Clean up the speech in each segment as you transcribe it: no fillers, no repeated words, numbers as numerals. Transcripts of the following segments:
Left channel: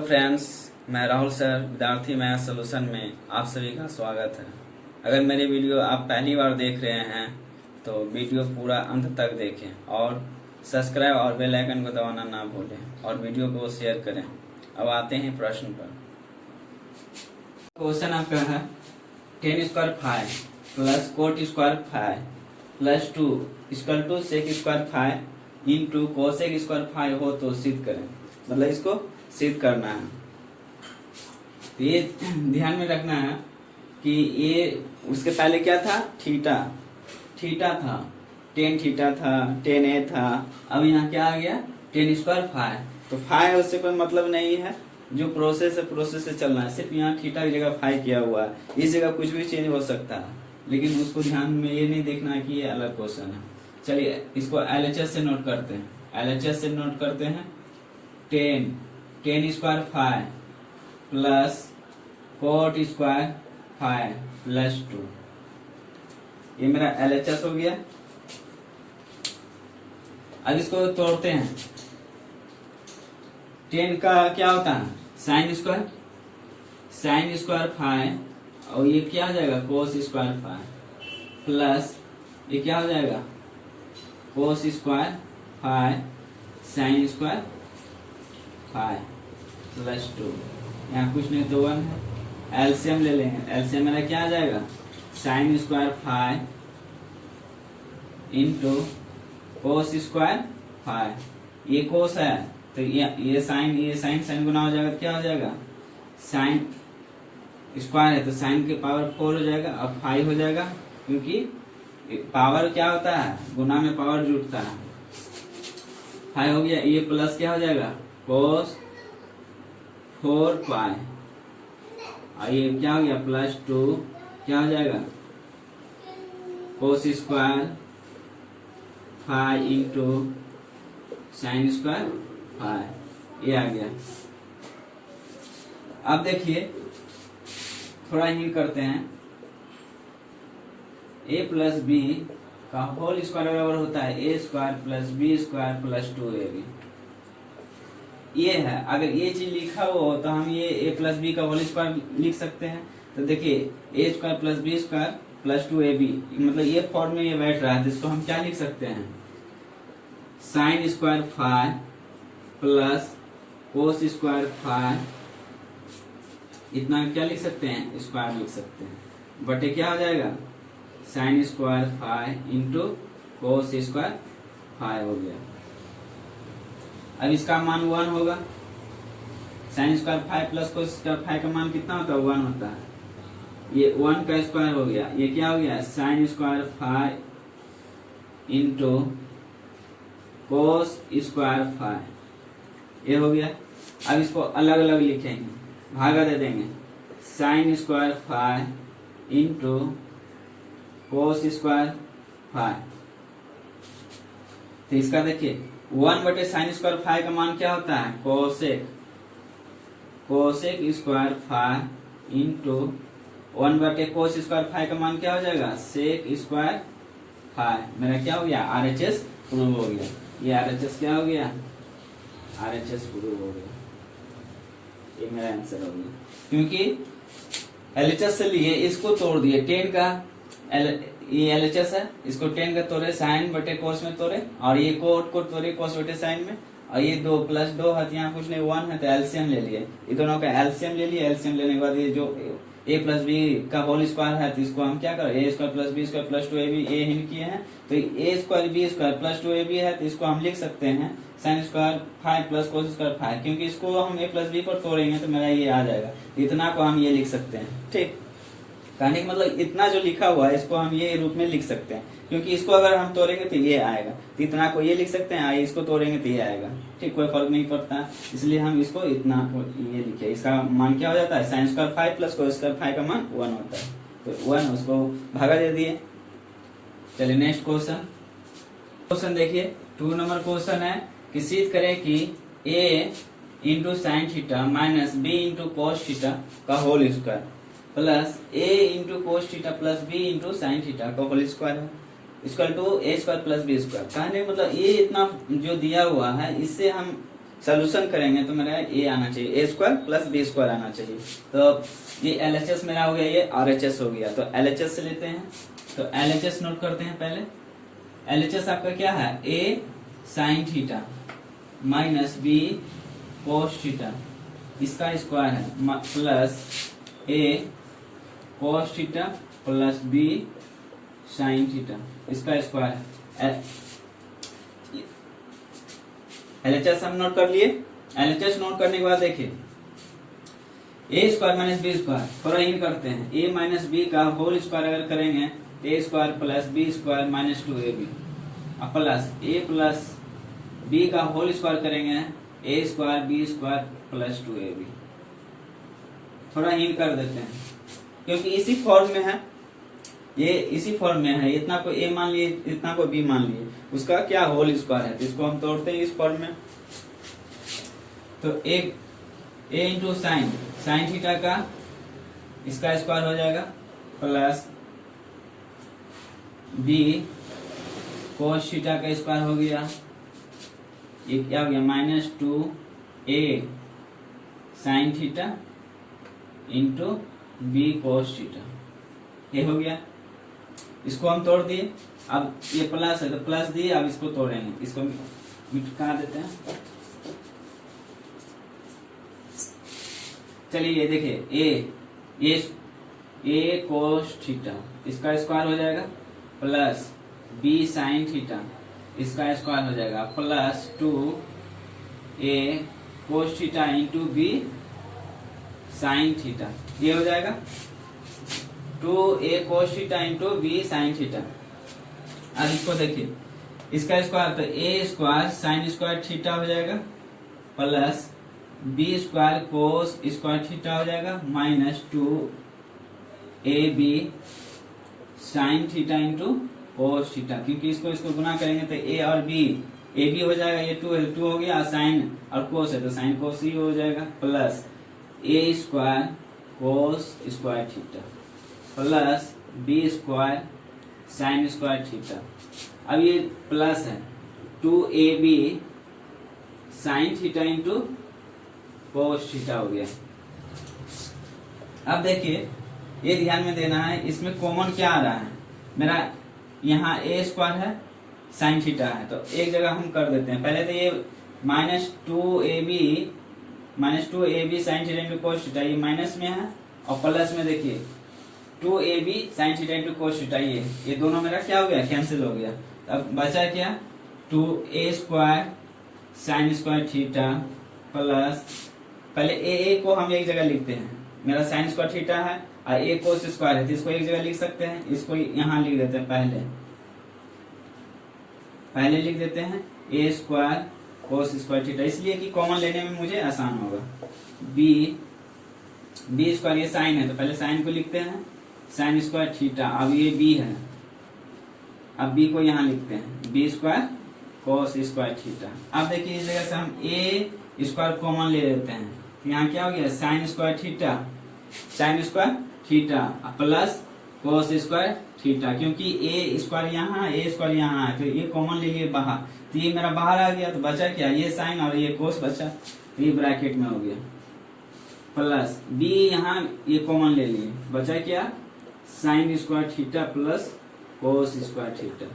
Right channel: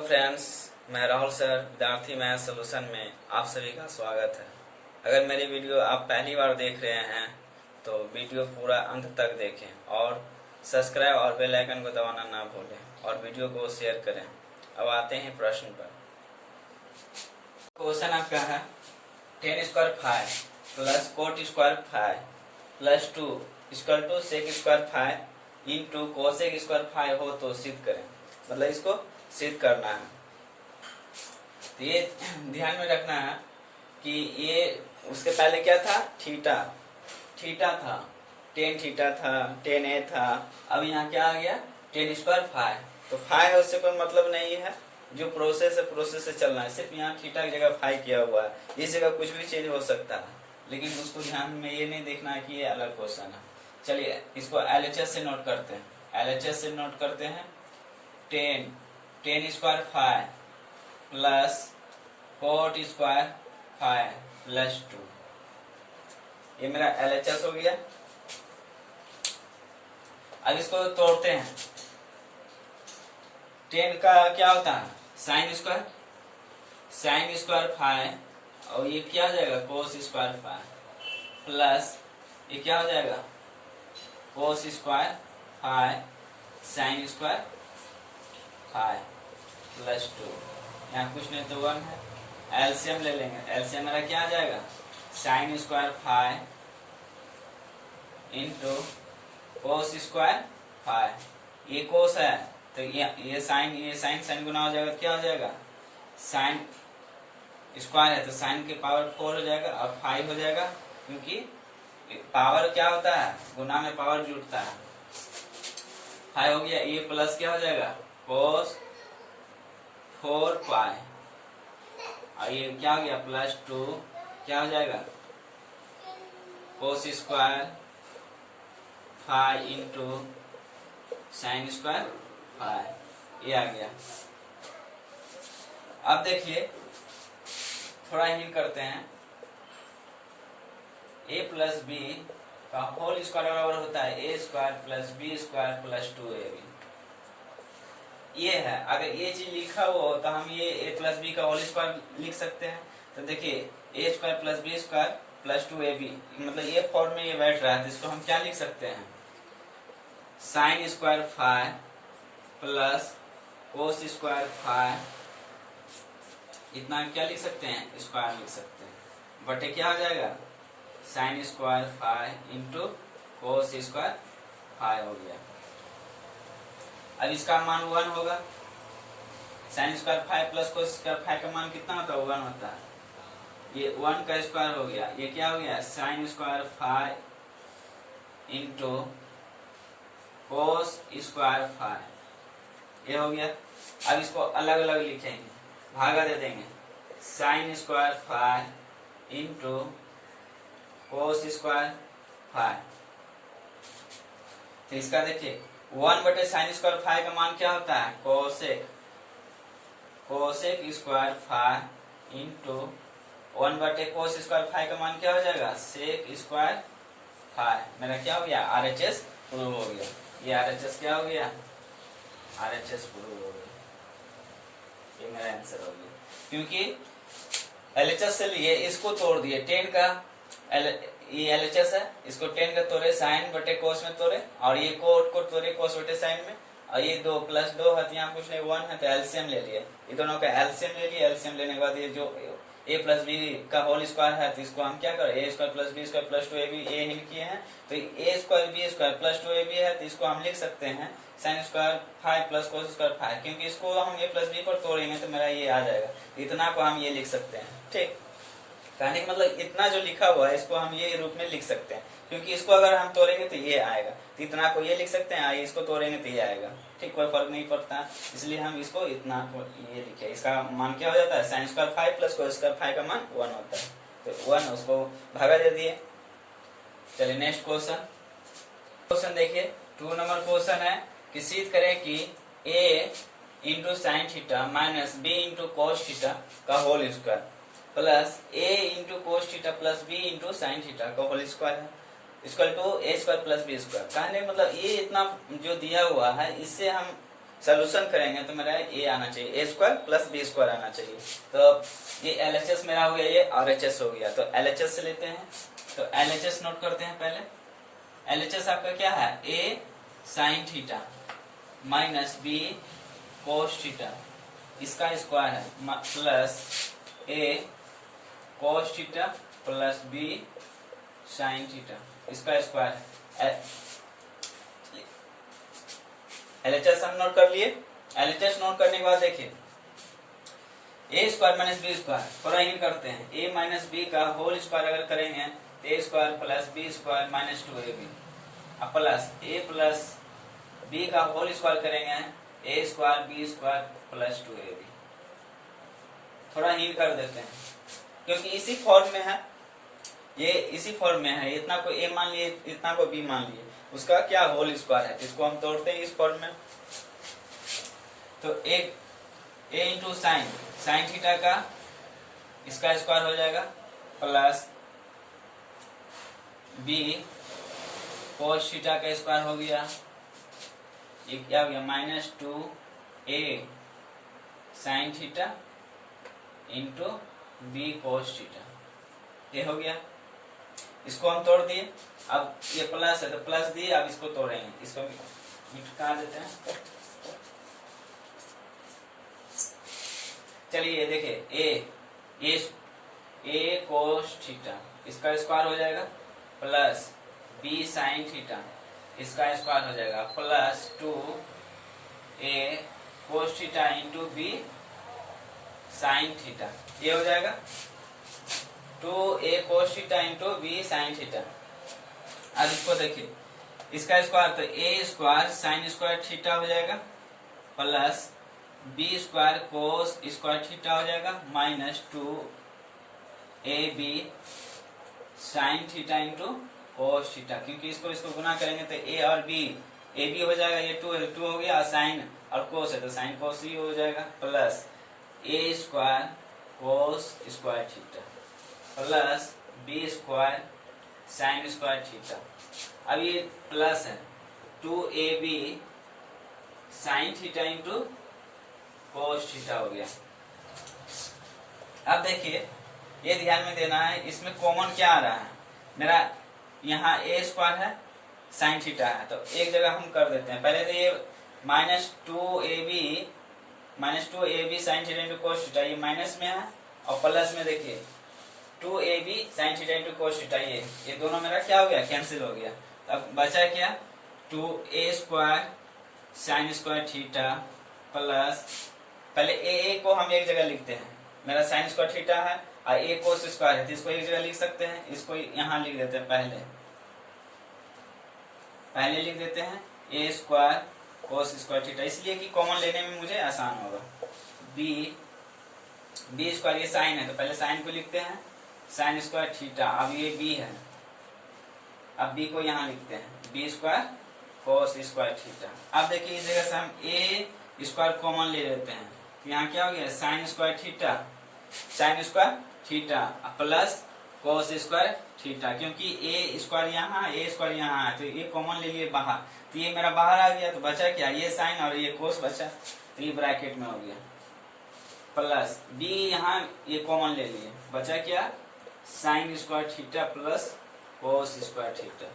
Hello friends, मैं Rahul sir विद्यार्थी math solution में आप सभी का स्वागत है। अगर मेरी वीडियो आप पहली बार देख रहे हैं तो वीडियो पूरा अंत तक देखें और सब्सक्राइब और बेल आइकन को दबाना ना भूलें और वीडियो को शेयर करें। अब आते हैं प्रश्न पर। क्वेश्चन आपका है 10 square 5 plus cot square 5 plus 2 equal to sec square 5 into cosec square 5 हो तो सिद्ध करें। मतलब इसको सिद्ध करना है। तो ये ध्यान में रखना है कि ये उसके पहले क्या था, थीटा था, 10 थीटा था, 10 a था। अब यहाँ क्या आ गया 10 स्क्वायर 5। तो 5 उससे कोई मतलब नहीं है, जो प्रोसेस है प्रोसेस से चलना है। सिर्फ यहाँ थीटा की जगह 5 किया हुआ है, इस जगह कुछ भी चेंज हो सकता है, लेकिन उसको ध्यान में ये नहीं देखना है कि ये अलग क्वेश्चन है। चलिए इसको LHS से नोट करते हैं। LHS से नोट करते हैं 10 square 5 plus cot square 5 plus 2, ये मेरा LHS हो गया। अब इसको तोड़ते हैं। 10 का क्या होता है साइन स्क्वायर 5 और ये क्या हो जाएगा कोस स्क्वायर 5 प्लस ये क्या हो जाएगा कोस स्क्वायर 5 साइन स्क्वायर 5 प्लस 2। यहाँ कुछ नहीं तो 1 है। एलसीएम ले लेंगे। एलसीएम मेरा क्या आ जाएगा sign square 5 into cos square 5। ये कोस है तो ये साइन गुना हो जाएगा, क्या हो जाएगा साइन स्क्वायर है तो साइन के पावर 4 हो जाएगा। अब 5 हो जाएगा, क्योंकि पावर क्या होता है गुना में पावर जुटता है। 5 हो गया। ये प्लस क्या हो जाएगा कोस 4 पाई और ये क्या हो गया प्लस 2 क्या हो जाएगा कोस स्क्वायर 5 इंटू साइन स्क्वायर 5, ये आ गया। अब देखिए थोड़ा ही करते हैं। a प्लस बी का होल स्क्वायर बराबर होता है a square plus B square plus 2ab। ये है, अगर ये चीज लिखा हो तो हम ये a प्लस बी का होल स्क्वायर लिख सकते हैं। तो देखिए a square plus B square plus 2ab, मतलब ये फॉर्म में ये बैठ रहा है, तो इसको हम क्या लिख सकते हैं sine square 5 plus cos square 5, इतना क्या लिख सकते हैं स्क्वायर लिख सकते हैं, बटे क्या हो जाएगा sign square 5 into cos square 5 हो गया। अब इसका मान 1 होगा। Sign square 5 plus cos square 5 का मान कितना होता है 1 होता है। ये 1 का स्क्वायर हो गया। ये क्या हो गया sign square 5 into cos square 5, ये हो गया। अब इसको अलग अलग लिखेंगे, भागा दे देंगे। Sign square 5 into cos square 5, तो इसका देखिए 1 बटे साइन स्क्वायर 5 का मान क्या होता है कोसेक स्क्वायर 5 इंटू 1 बटे कोस स्क्वायर 5 का मान क्या हो जाएगा सेक स्क्वायर 5। मेरा क्या हो गया RHS प्रूव हो गया। ये RHS क्या हो गया RHS प्रूव हो गया। ये मेरा आंसर हो गया, क्योंकि LHS से लिए इसको तोड़ दिए। 10 का ये LHS है, इसको 10 का तोड़े साइन बटे कोस में तोड़े और ये कोट को तोड़े कोस बटे साइन में, और ये 2 प्लस 2 है, यहाँ कुछ नहीं 1 है तो एलसीएम ले लिए। ये दोनों का एलसीएम ले लिए। एलसीएम लेने के बाद ये जो a प्लस बी का होल स्क्वायर है तो इसको हम क्या करें a square plus B square plus 2ab a हिंट किए हैं, तो a square B square plus 2ab है तो इसको हम लिख सकते हैं sine square 5 plus cos square 5, क्योंकि इसको हम a प्लस बी पर तोड़ेंगे तो मेरा ये आ जाएगा। इतना को हम ये लिख सकते हैं। ठीक, कहने का मतलब इतना जो लिखा हुआ है इसको हम ये रूप में लिख सकते हैं, क्योंकि इसको अगर हम तोड़ेंगे तो ये आएगा, तो इतना को ये लिख सकते हैं, इसको तोड़ेंगे तो ये आएगा। ठीक, कोई फर्क नहीं पड़ता, इसलिए हम इसको इतना को ये लिखे। इसका मान क्या हो जाता है sign square 5 plus cos square 5 का मान 1 होता है, तो 1 उसको भागा दे दिए। चलिए नेक्स्ट क्वेश्चन देखिए 2 नंबर क्वेश्चन है कि सिद्ध करें कि a into sine theta minus B into cos theta का whole square plus a into cos theta plus b into sine theta का होल स्क्वायर है equal to a square plus B square. कहने मतलब ये इतना जो दिया हुआ है इससे हम सोल्यूशन करेंगे तो मेरा ए आना चाहिए, ए स्क्वायर प्लस बी स्क्वायर आना चाहिए। तो ये LHS मेरा हो गया, ये RHS हो गया। तो LHS से लेते हैं, तो LHS नोट करते हैं पहले। LHS आपका क्या है, A sine theta minus B cos theta, इसका स्क्वायर है, plus A cos theta plus B sine theta, इसका स्क्वायर है। LHS हम नोट कर लिए। LHS नोट करने के बाद देखिए, A square minus B square, थोड़ा इन करते हैं, ए माइनस बी का होल स्क्वायर अगर करेंगे तो A square plus B square minus 2ab, plus A plus B का होल स्क्वायर करेंगे ए square B square plus 2ab। थोड़ा इन कर देते हैं क्योंकि इसी फॉर्म में है, ये इसी फॉर्म में है, इतना को ए मान लिए, इतना को बी मान लिए, उसका क्या होल स्क्वायर है, इसको हम तोड़ते हैं इस फॉर्म में। तो ए इंटू साइन थीटा का इसका स्क्वायर हो जाएगा, प्लस बी कोस थीटा का स्क्वायर हो गया, ये क्या हो गया, minus 2a sine theta into B cos theta, ये हो गया। इसको हम तोड़ दिए, अब ये प्लस है तो प्लस दिए, अब इसको तोड़ेंगे, इसको मिटा देते हैं। चलिए ये देखिए, ए कोस थीटा इसका स्क्वायर हो जाएगा, प्लस बी साइन थीटा इसका स्क्वायर हो जाएगा, plus 2a cos theta into B sine theta, ये हो जाएगा 2a cos theta into B sine theta. अब इसको देखिए, इसका स्क्वायर तो A square sine square theta हो जाएगा, plus B square cos square theta हो जाएगा, minus 2ab sine theta into cos theta, क्योंकि इसको गुना करेंगे तो ए और बी, ए बी हो जाएगा, ये 2 हो गया, साइन और कोस है तो साइन कोस ही हो जाएगा, plus A square cos square theta plus B square sine square theta. अब ये प्लस है 2ab sine theta into cos theta हो गया। अब देखिए, ये ध्यान में देना है, इसमें कॉमन क्या आ रहा है, मेरा यहाँ ए स्क्वायर है साइन थीटा है, तो एक जगह हम कर देते हैं। पहले तो ये minus 2ab sine theta into cos theta, ये माइनस में है, और प्लस में देखिए 2ab sine theta into cos theta, ये दोनों मेरा क्या हो गया, कैंसिल हो गया। अब बचा क्या, 2a square sine square theta plus, पहले ए को हम एक जगह लिखते हैं, मेरा साइन स्क्वायर थीटा है और ए कोस स्क्वायर है, तो इसको एक जगह लिख सकते हैं, इसको यहाँ लिख देते हैं, पहले लिख देते हैं ए स्क्वायर कोस स्क्वायर थीटा, इसलिए कि कॉमन लेने में मुझे आसान होगा। बी स्क्वायर, ये साइन है तो पहले साइन को लिखते हैं, साइन स्क्वायर थीटा, अब ये बी है, अब बी को यहाँ लिखते हैं B square cos square theta. अब देखिए इस जगह से हम ए स्क्वायर कॉमन ले लेते हैं, यहाँ क्या हो गया, sign square theta plus cos square theta, क्योंकि ए स्क्वायर यहाँ है तो ये कॉमन ले लिए बाहर, तो ये मेरा बाहर आ गया, तो बचा क्या, ये साइन और ये कोस बचा, तो ये ब्रैकेट में हो गया, प्लस बी यहाँ ये कॉमन ले लिए, बचा क्या, sign square theta plus cos square theta.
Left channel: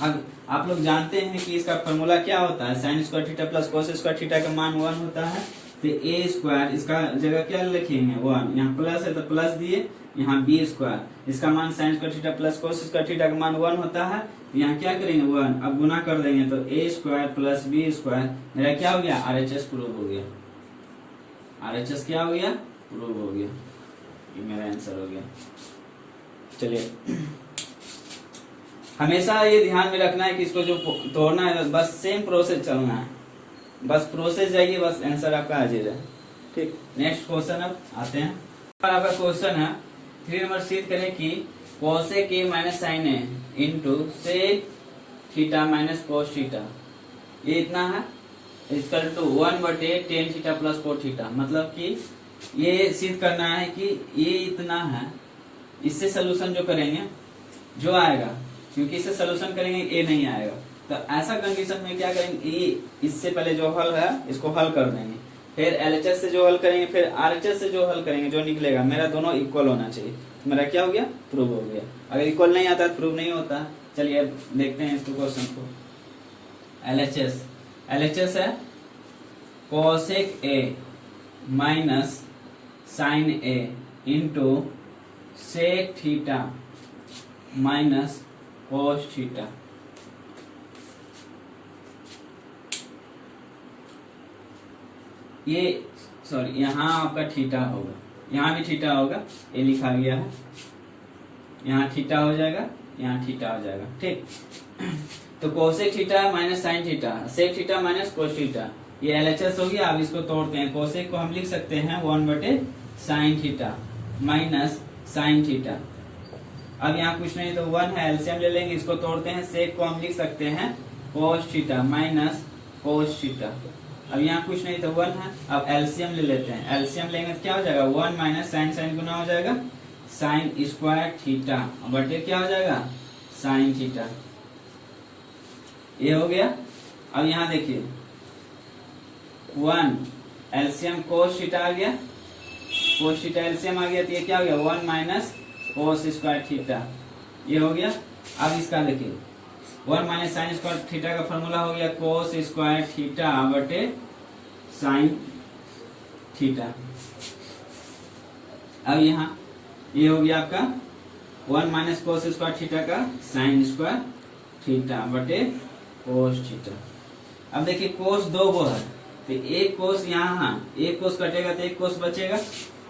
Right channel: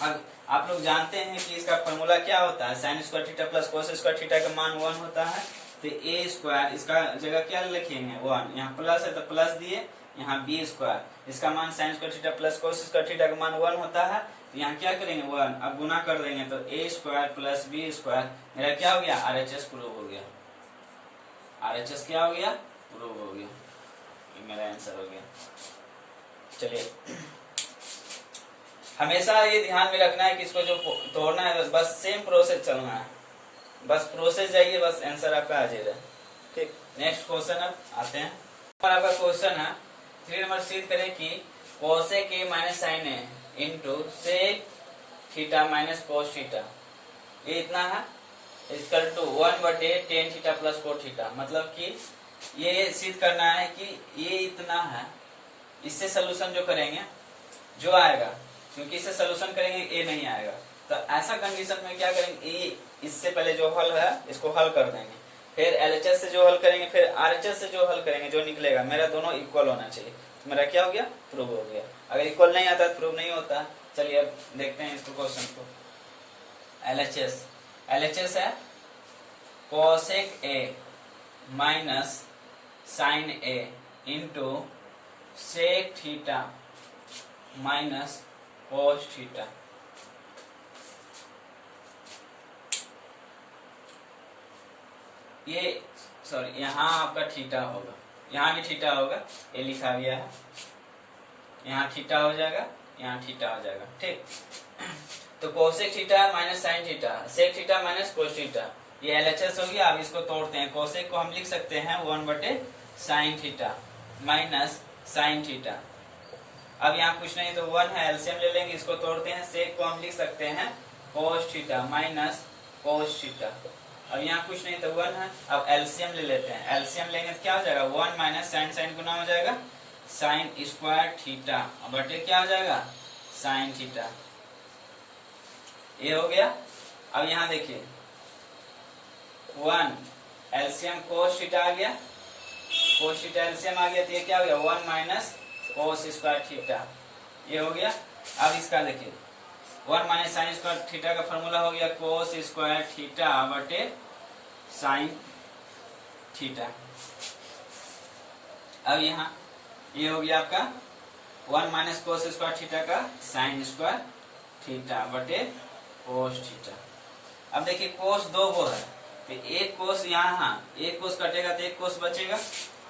अब आप लोग जानते हैं कि इसका फॉर्मूला क्या होता है, sign square theta plus cos square theta का मान 1 होता है, तो ए स्क्वायर इसका जगह क्या लिखेंगे 1, यहाँ प्लस है तो प्लस दिए, यहाँ बी स्क्वायर इसका मान sign square theta plus cos square theta का मान 1 होता है, तो यहाँ क्या करेंगे 1, अब गुना कर देंगे तो A square plus B square, मेरा क्या हो गया, RHS प्रूव हो गया, RHS क्या हो गया, प्रूव हो गया, ये मेरा आंसर हो गया। चलिए, हमेशा ये ध्यान में रखना है कि इसको जो तोड़ना है बस सेम प्रोसेस चलना है, बस प्रोसेस जाइए, बस आंसर आपका आ जाएगा। ठीक, नेक्स्ट क्वेश्चन अब आते हैं। आपका क्वेश्चन है 3 नंबर, सिद्ध करें कि cosec A minus sine A into sec theta minus cos theta, ये इतना है, equal to 1/tan theta plus cos theta. मतलब कि ये सिद्ध करना है कि ये इतना है, इससे सोल्यूशन जो करेंगे जो आएगा, क्योंकि इससे सोल्यूशन करेंगे ए नहीं आएगा, तो ऐसा कंडीशन में क्या करेंगे, ये इससे पहले जो हल है इसको हल कर देंगे, फिर एलएचएस से जो हल करेंगे, फिर आरएचएस से जो हल करेंगे, जो निकलेगा मेरा दोनों इक्वल होना चाहिए, तो मेरा क्या हो गया, प्रूव हो गया। अगर इक्वल नहीं आता तो प्रूव नहीं होता। चलिए अब देखते हैं इसको क्वेश्चन को। एलएचएस, एलएचएस है cosec A minus sine A into sec theta minus cos theta. ये सॉरी यहाँ आपका थीटा होगा, यहाँ भी थीटा होगा, ये लिखा गया है, यहाँ थीटा हो जाएगा, यहाँ थीटा हो जाएगा, ठीक। तो cosec theta minus sine theta, sec theta minus cos theta, ये एलएचएस होगी। अब इसको तोड़ते हैं, कोसेक को हम लिख सकते हैं 1/sin theta minus sine theta. अब यहाँ कुछ नहीं तो 1 है, एलसीएम ले लेंगे, इसको तोड़ते हैं। सेक को हम लिख सकते हैं cos theta minus cos theta. अब यहाँ कुछ नहीं तो 1 है, अब एलसीएम ले लेते हैं। एलसीएम लेंगे तो क्या हो जाएगा, 1 माइनस साइन, साइन गुना हो जाएगा साइन स्क्वायर थीटा बटे क्या हो जाएगा, साइन थीटा। ये हो गया। अब यहाँ देखिए 1 एलसीएम कोस थीटा आ गया, कोस थीटा एलसीएम आ गया, तो ये क्या हो गया 1 माइनस कोस स्क्वायर थीटा, ये हो गया। अब इसका देखिए 1 माइनस साइन स्क्वायर थीटा का फॉर्मूला हो गया कोस स्क्वायर थीटा बटे साइन थीटा। अब यहाँ ये हो गया आपका 1 माइनस कोस स्क्वायर थीटा का साइन स्क्वायर थीटा बटे कोस थीटा। अब देखिए कोस 2 वो है, तो एक कोस यहाँ, एक कोस कटेगा तो एक कोस बचेगा।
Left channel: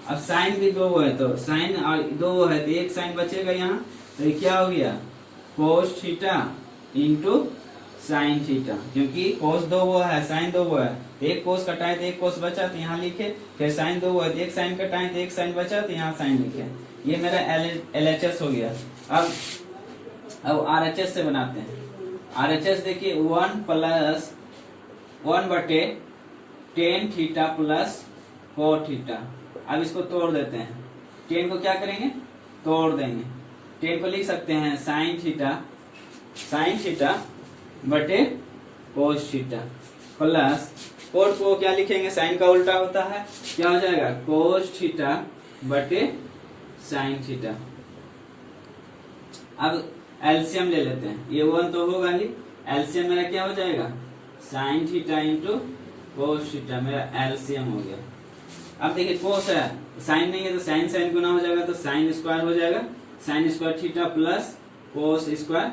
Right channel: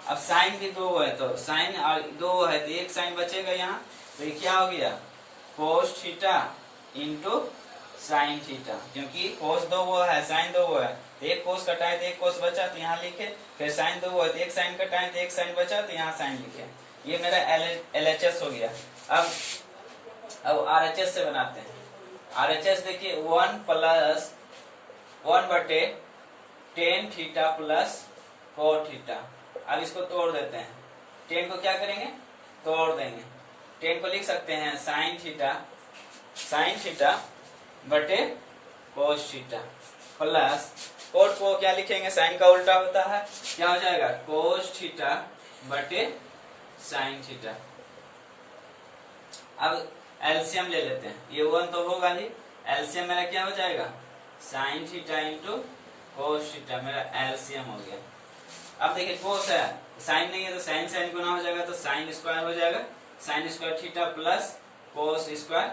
अब साइन भी 2 है, तो साइन और 2 है तो एक साइन बचेगा यहाँ, तो ये क्या हो गया कोस थीटा इंटू साइन थीटा, क्योंकि कोस 2 वो है, साइन 2 वो है, एक कोस कटाए तो एक कोस बचा तो यहाँ लिखे, फिर साइन 2 वो है तो एक साइन कटाए तो एक साइन बचा तो यहाँ साइन लिखे। ये मेरा एलएचएस हो गया। अब आरएचएस से बनाते हैं। आरएचएस देखिए 1 plus 1/tan theta plus cos theta. अब इसको तोड़ देते हैं, 10 को क्या करेंगे, तोड़ देंगे। 10 को लिख सकते हैं साइन थीटा बटे कोस थीटा प्लस कोस को क्या लिखेंगे, साइन का उल्टा होता है, क्या हो जाएगा कोस थीटा बटे साइन थीटा। अब एलसीएम ले लेते हैं, ये 1 तो होगा ही, एलसीएम मेरा क्या हो जाएगा sign theta into cos theta, मेरा एलसीएम हो गया। अब देखिए कोस है, साइन नहीं है तो साइन साइन गुना हो जाएगा, तो साइन स्क्वायर हो जाएगा, sign square theta plus cos square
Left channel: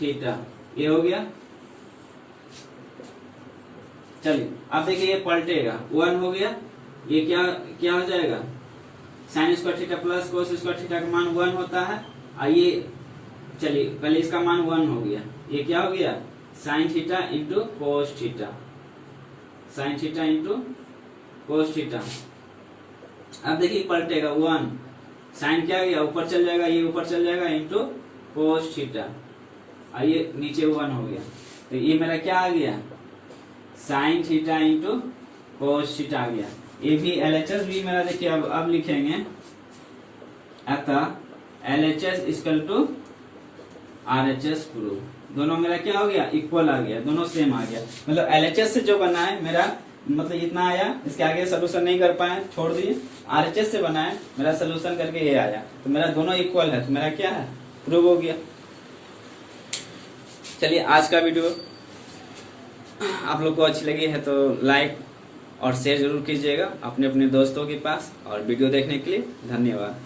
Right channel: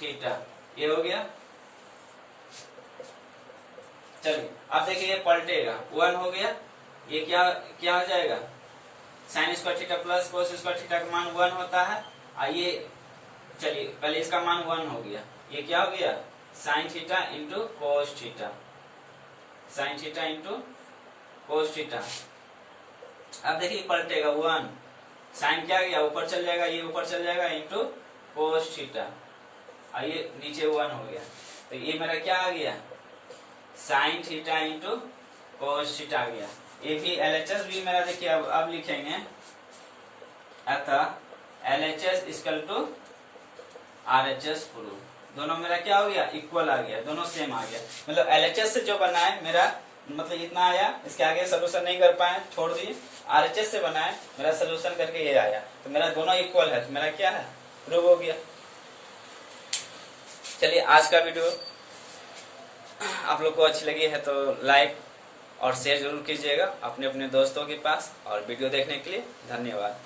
theta, ये हो गया। चलिए अब देखिए ये पलटेगा, 1 हो गया, ये क्या हो जाएगा sign square theta plus cos square theta का मान 1 होता है। आइए चलिए पहले इसका मान 1 हो गया, ये क्या हो गया sine theta into cos theta, sign theta into cos theta. अब देखिए पलटेगा 1, साइन क्या गया ऊपर चल जाएगा, ये ऊपर चल जाएगा इंटू कोस थीटा, और ये नीचे 1 हो गया, तो ये मेरा क्या आ गया sine theta into cos theta आ गया। ये भी एलएचएस भी मेरा देखिए अब लिखेंगे, अतः LHS equal to RHS prove. दोनों मेरा क्या हो गया इक्वल आ गया, दोनों सेम आ गया। मतलब एलएचएस से जो बना है मेरा मतलब इतना आया, इसके आगे सोल्यूशन नहीं कर पाए छोड़ दिए। आरएचएस से बना है मेरा सोल्यूशन करके ये आया, तो मेरा दोनों इक्वल है, तो मेरा क्या है प्रूव हो गया। चलिए आज का वीडियो आप लोग को अच्छी लगी है तो लाइक और शेयर जरूर कीजिएगा अपने अपने दोस्तों के पास, और वीडियो देखने के लिए धन्यवाद।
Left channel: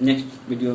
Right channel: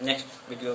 Next video